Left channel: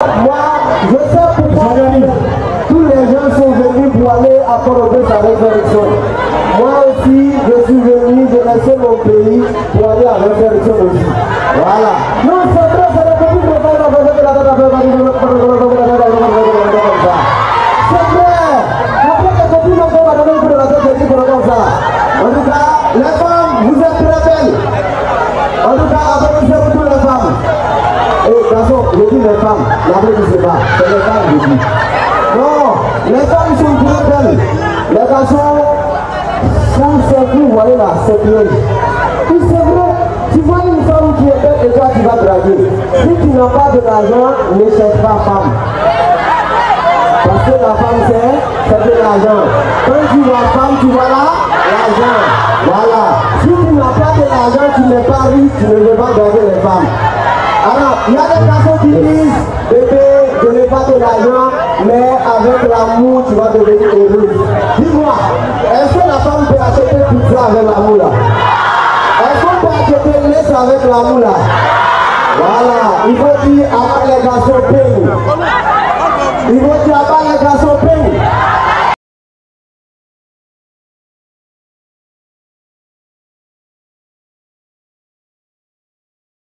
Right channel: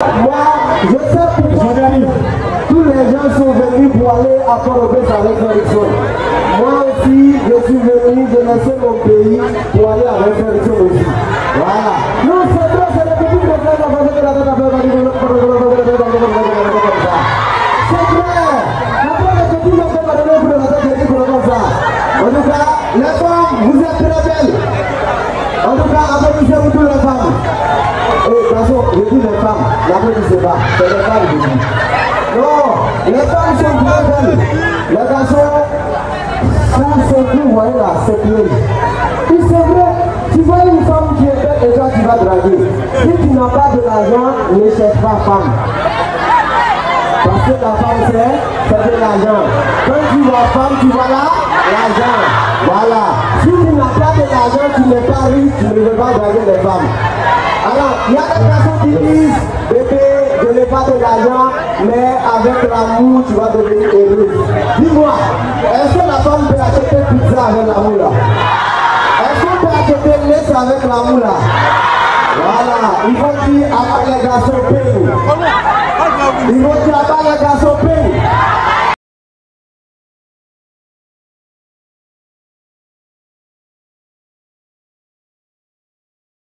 Moi, je sais pourquoi tous les gens sont venus pour aller à Port-au-Prince avec Félixon. Moi aussi, je suis venu, je laissais mon pays pour aller avec Félixon aussi. Voilà. Non, c'est vrai, c'est la petite de faire la façon de la c'est vrai. Après, les petits vont faire la tête pour la tête comme ça. En tout cas, les femmes, vous êtes très belles. En tout cas, applaudissez pour les femmes. Et garçon, je dis les femmes, n'applaudissez pas, c'est les femmes je dis. Non, les femmes sont très belles. Les garçons, vous voyez là, c'est bien. Et c'est vrai, tu vois une femme qui est belle et toi tu vas draguer. Si tu n'as pas de l'argent, ne cherche pas femme. Parce que la femme c'est de l'argent. Quand tu vois femme, tu vois là, l'argent. Voilà. Si tu n'as pas de l'argent, tu n'es pas riche, tu ne veux pas draguer les femmes. Alors, il y a des personnes qui disent, bébé, je n'ai pas de l'argent, mais avec l'amour, tu vas devenir heureuse. Dis-moi, est-ce que la femme peut acheter pizza avec l'amour là? Est-ce qu'on peut acheter laisse avec l'amour là? Voilà, il faut dire avant les garçons payent. Il faut dire